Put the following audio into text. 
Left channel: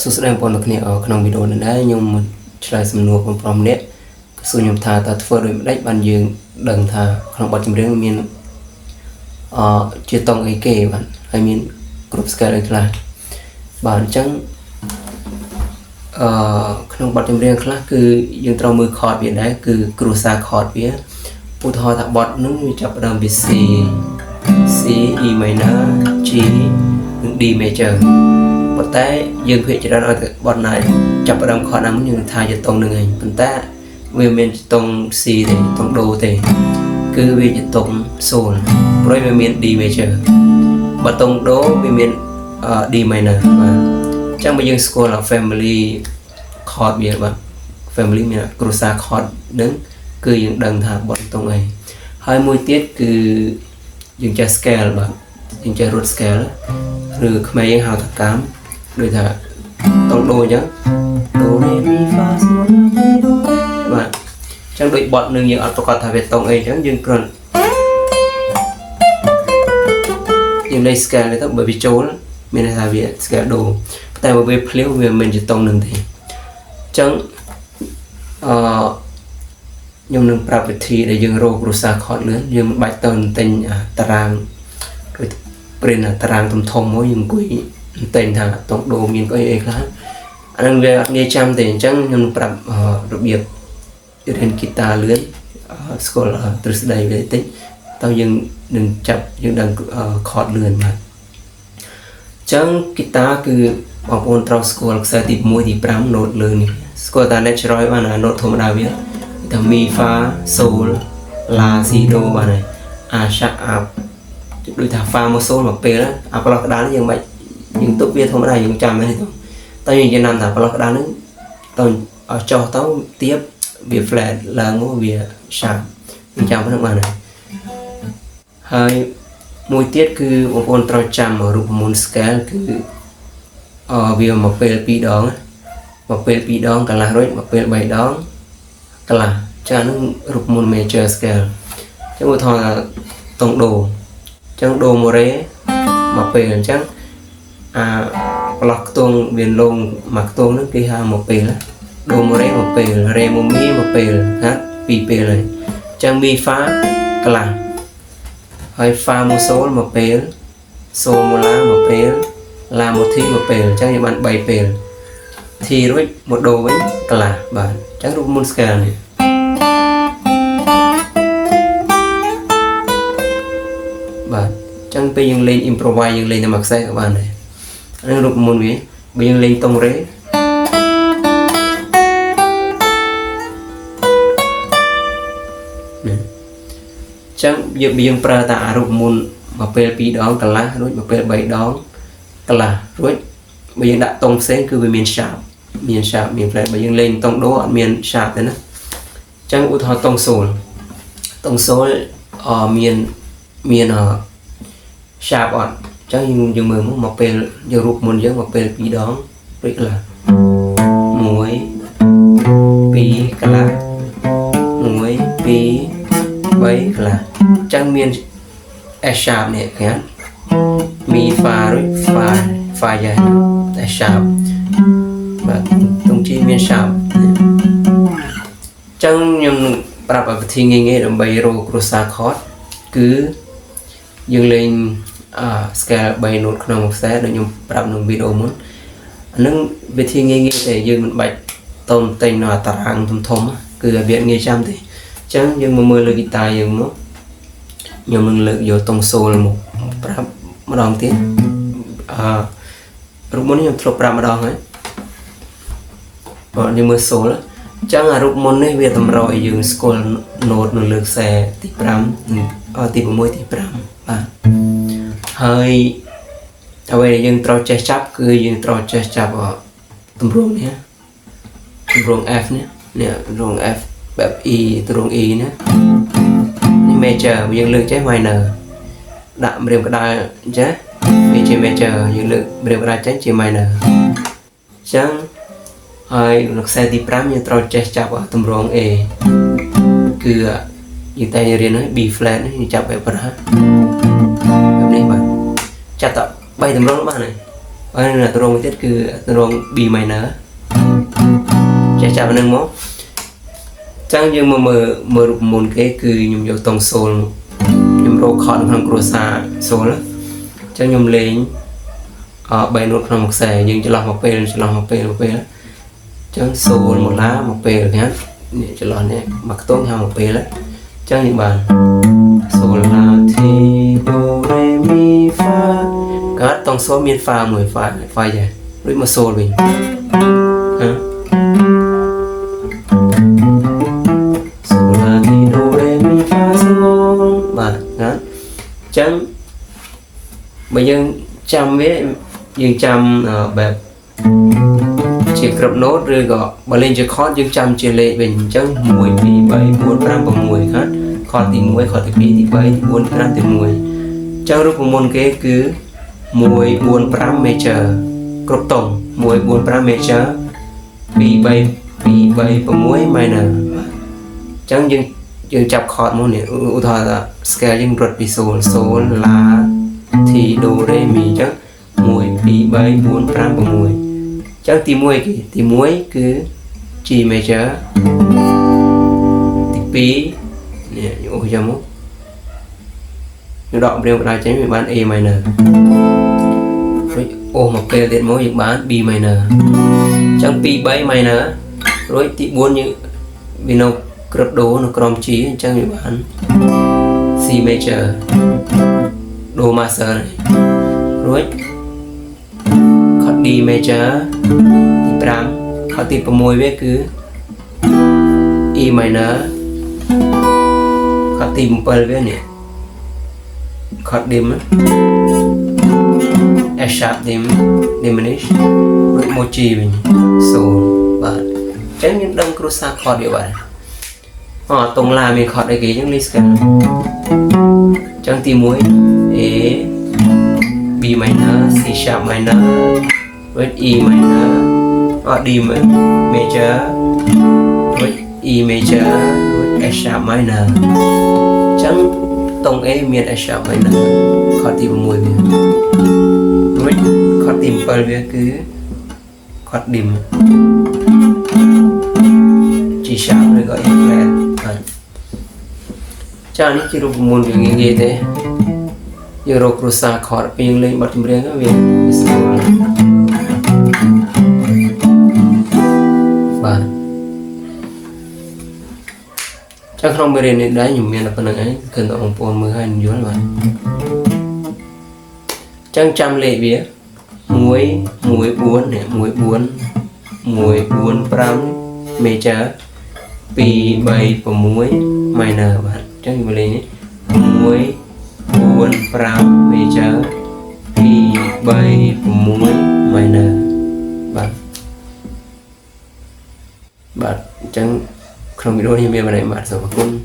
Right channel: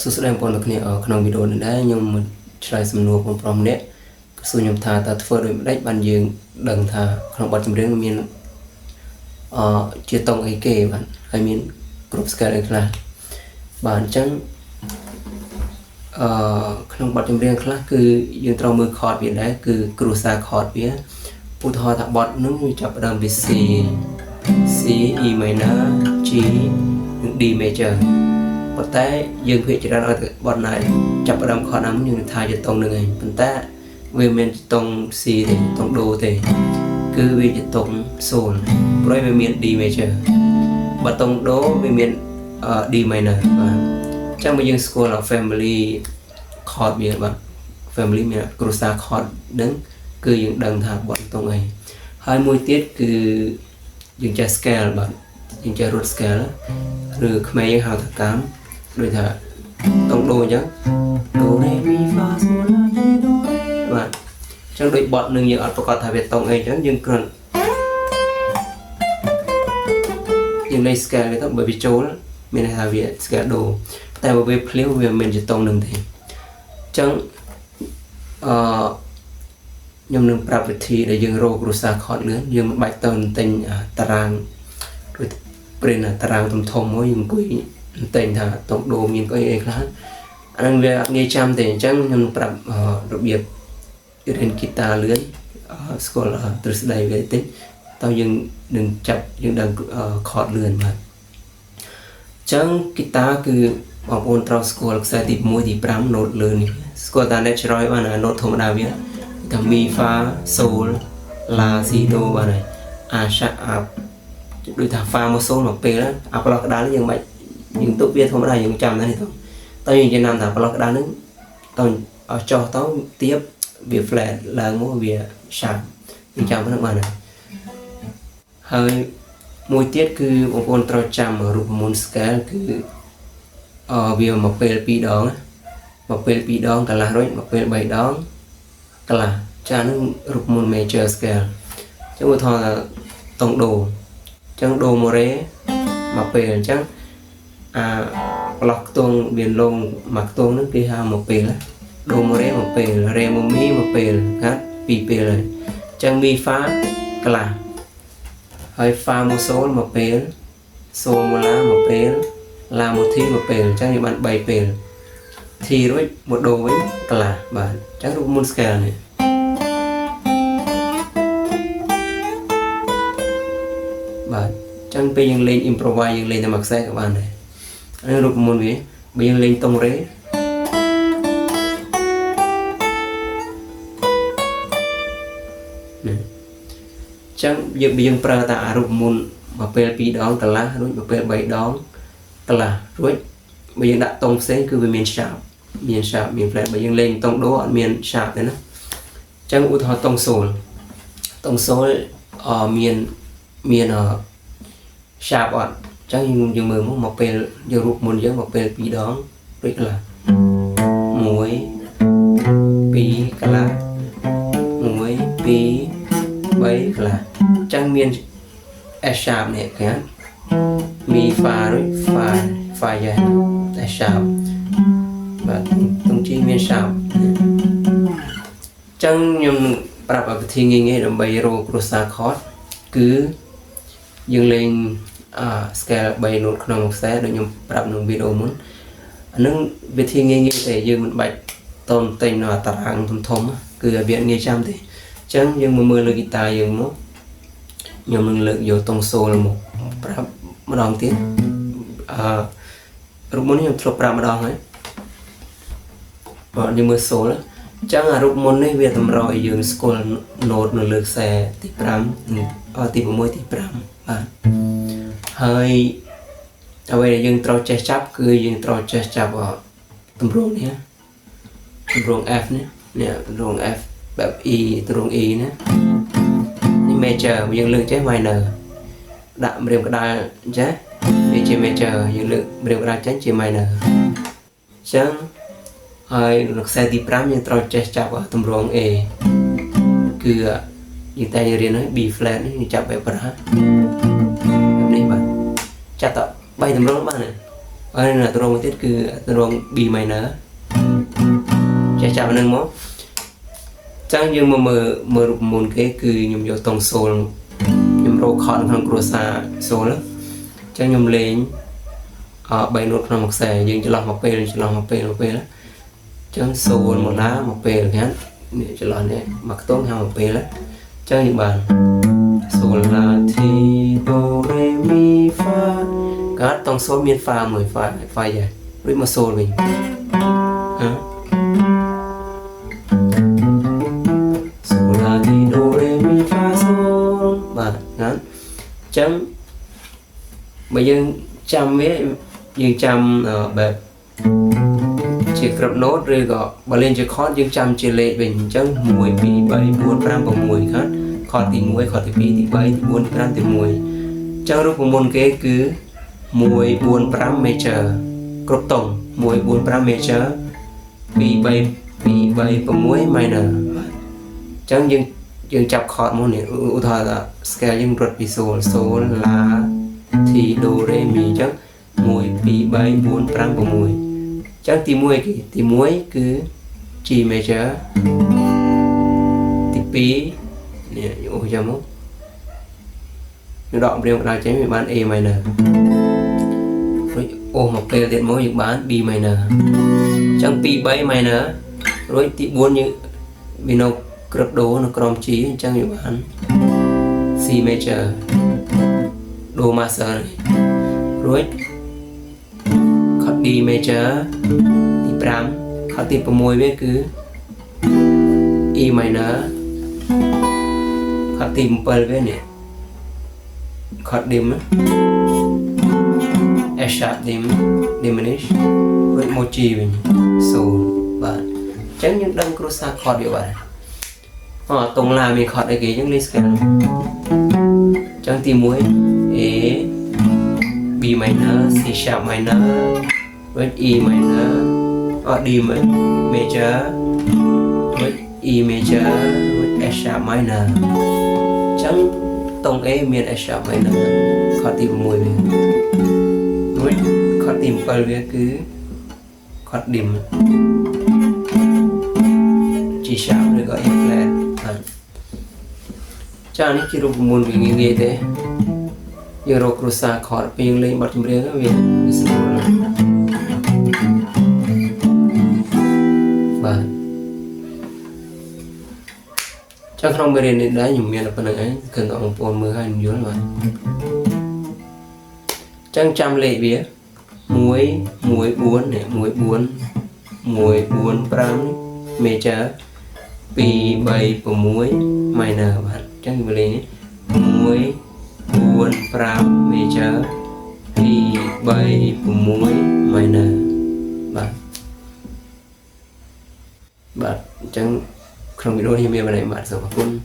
សួស្តីបងប្អូនគ្នាក្នុងវីដេអូនេះដែរខ្ញុំឆ្លើយសំណួរបងប្អូនម្នាក់សួរខ្ញុំថាតើធ្វើដូចម្ដេចបានយើងដឹងថាក្នុងបទចម្រៀងមានជាតង់អីគេបាទហើយមានគ្រប់ scale អីខ្លះបាទអញ្ចឹងក្នុងបទចម្រៀងខ្លះគឺយើងត្រូវមើល chord វាដែរគឺគ្រួសារ chord វាឧទាហរណ៍ថាបទនោះវាចាប់ផ្ដើមពី C E minor G និង D major ប៉ុន្តែយើងភាគច្រើនឲ្យតែបទណាចាប់ផ្ដើម chord ណាមួយយើងថាជាតង់នឹងឯងប៉ុន្តែវាមានជាតង់ C ទេតង់ Do ទេគឺវាជាតង់សូលព្រោះវាមាន D major បើតង់ Do វាមានD minor បាទអញ្ចឹងបើយើងស្គាល់ family chord វាបាទ family មានគ្រួសារ chord នឹងគឺយើងដឹងថាបទតង់អីហើយមួយទៀតគឺយើងចេះ scale បាទយើងចេះរត់ scale ឬខ្មែរយើងហៅថាកាមដូចថាតង់ដូអញ្ចឹង Do Re Mi Fa Sol La Si Do Re បាទអញ្ចឹងដូចបទនឹងយើងអត់ប្រកាសថាវាតង់អីអញ្ចឹងយើងគ្រាន់យើងលេខ scale ទៅបើវាចូលមានន័យថាវា scale Do តែបើវាភ្លាវវាមិនជាតង់នឹងទេអញ្ចឹងខ្ញុំនឹងប្រាប់វិធីដែលយើងរកគ្រួសារ chord លឿនយើងមិនបាច់ទៅទិញតារាងឬព្រិនតារាងធំមកយើងអង្គុយទិញថាតង់ដូមានអីខ្លះអានឹងវាអត់ងាយចាំទេអញ្ចឹងខ្ញុំនឹងប្រាប់របៀបរៀនហ្គីតាលឿនស្គាល់ទ្រឹស្ដីវាតិចតើយើងនឹងចាប់យើងដឹង chord លឿនបាទអញ្ចឹងហ្គីតាគឺបងប្អូនត្រូវស្គាល់ខ្សែទី1ទី5 note លឿននេះស្គាល់តែ natural បានណា note ធម្មតាវាថា Mi Fa Sol La Si Do បាទហើយដូចថា Fa មក Sol មកពេលអាប្លោះក្តារនេះយើងមិនយើងទុកវាធម្មតាយើងចាំតែនេះទៅតែយើងចំណាំថាប្លោះក្តារនេះទៅឲ្យចុះទៅទៀបវា flat ឡើងមកវា sharp យើងចាំប៉ុណ្្នឹងបានហើយមួយទៀតគឺបងប្អូនត្រូវចាំរូបមន្ត scale គឺវាមកពេល2ដងមកពេល2ដងកន្លះរួចមកពេល3ដងកន្លះចានឹងរូបមន្ត major scale ចឹងឧទាហរណ៍ថាតង់ដូចឹងដូម៉ូរ៉េមកពេលអញ្ចឹងប្លោះខ្ទង់វាលងមកខ្ទង់ហ្នឹងគេហៅមកពេលដូម៉ូរ៉េមកពេលរ៉េម៉ូមីមកពេលណា2ពេលហើយអញ្ចឹងមីហ្វាកន្លះហើយហ្វាម៉ូសូលមកពេលសូម៉ូឡាមកពេលឡាម៉ូធីមកពេលអញ្ចឹងយើងបាន3ពេលធីរួចមកដូវិញកន្លះបាទអញ្ចឹងរូបមន្ត scale នេះបាទអញ្ចឹងពេលយើងលេង improvise យើងលេងតែមួយខ្សែក៏បានដែរនេះរូបមន្តវាបើយើងលេងតង់រ៉េចឹងយើងប្រើតារូបមន្តមកពេល2ដងកន្លះរួចមកពេល3ដងកន្លះរួចបើយើងដាក់តង់ផ្សេងគឺវាមាន sharp មាន flat បើយើងលេងតង់ដូអត់មាន sharp ទេណាចឹងឧទាហរណ៍តង់សូលមានsharp អត់ចឹងយើងមើលមកពេលយើងរូបមន្តយើងមកពេល2ដងរួចកន្លះ1 2កន្លះ1 2 3កន្លះចឹងមាន S sharp នេះឃើញមីហ្វារួចហ្វាយ៉ា S sharp បាទទង់ជីមាន sharp ចឹងខ្ញុំប្រាប់វិធីងាយៗដើម្បីរកគ្រួសារ chord គឺយើងលេងscale 3 note ក្នុងខ្សែដូចខ្ញុំប្រាប់ក្នុងវីដេអូមុនអានឹងវិធីងាយៗតែយើងមិនបាច់តូនតែងនៅតារាងធំគឺវាងាយចាំទេអញ្ចឹងយើងមកមើលលើហ្គីតាយើងមកខ្ញុំនឹងលើកយកតង់សូលមកប្រាប់ម្ដងទៀតរូបមន្តនេះខ្ញុំធ្លាប់ប្រាប់ម្ដងហើយបើយើងមើលសូលអញ្ចឹងរូបមន្តនេះវាតម្រូវឲ្យយើងស្គាល់ note នៅលើខ្សែទី5ទី6ទី5បាទហើយអ្វីដែលយើងត្រូវចេះចាប់គឺយើងត្រូវចេះចាប់ទម្រង់នេះទម្រង់ F នេះទម្រង់ F បែប E ទម្រង់ E ណានេះ major យើងលើកចេះ minor ដាក់ម្រាមក្តារចេះវាជា major យើងលើកម្រាមក្តារចេះជា minor អញ្ចឹងហើយនៅខ្សែទី5យើងត្រូវចេះចាប់ទម្រង់ A គឺយើងតែរៀនហើយ B flat នេះយើងចាប់បែបប៉ុណ្ណានេះបាទចាប់ត3ទម្រង់បានហើយ anh là tôi tiết cứ tôi B minor chắc chắn nâng mó chẳng nhưng mà mở rụp môn cái cứ nhung vô tông sol nhung rô khó được hàng crossa sol á chẳng nhung lên bài nốt là một xẻ nhưng chỉ làm một p đó chẳng sol một lá một p được nhá chỉ lo này mặc tốt nhau một p đó chẳng những bàn sol la ti do re mi fa các tông số miền pha 10 pha vậy rồi mà sol mình hả sol la ti do re mi fa sol và nhá chẳng bây giờ chăm với dương chămแบบchỉ cặp nốt rồi gọi bà lên cho khó dương chăm chỉ lệ bình chẳng 10 thì 7 4 5 và 10 khác khó thì 10 khó thì 2 thì 7 thì 4 5 thì 10 chẳng lúc môn kế cứ 10 4 5 major cặp tổng 10 4 5 major vì 7 và 10 minor chẳng dương chập khó môn này ưu thọ là scale dương rượt vì sol la thì do re mi chắc 1 2 3 4 5 và 10 chắc tí muối cứ G major tí P nè ôi chà mốt nó đọc riêng vào tránh mình bán A minor ô một cây điện mối được bán B minor chẳng P 7 minor rồi tí 4 như vì nó cực đố nó crom trí chẳng mình bán C major đồ master này rồi D major tí 5 khó tí 6 với cứ E minor khó tí 7 với nè khó dim F sharp dim diminish rồi một chi mình sol và chẳng những đông cruza khó điều vậy họ tổng lại mình khó để ký những list cả chẳng tí muối A B minor C sharp minor với E minor D major với E major với F sharp minor chẳng tổng A miền F sharp minor khó tìm 10 với khó tìm 7 với cứ khó điểm G sharp rồi gọi flat chẳng ní khi rụp môn cái gì thế giờ rô cruza khó pin lên bật chùm riêng về và chắc không biết đến đấy nhung miền là phần ấy cần ông pôn 12 dưới mà chắc trăm lệ bía muối 4 này muối 4 pram mê chá pi 7 của muối minor bạn chắc như vậy này muối 4 pram major pi 7 của muối minor bạn chẳng không biết đâu như vậy mà này bạn sao mà con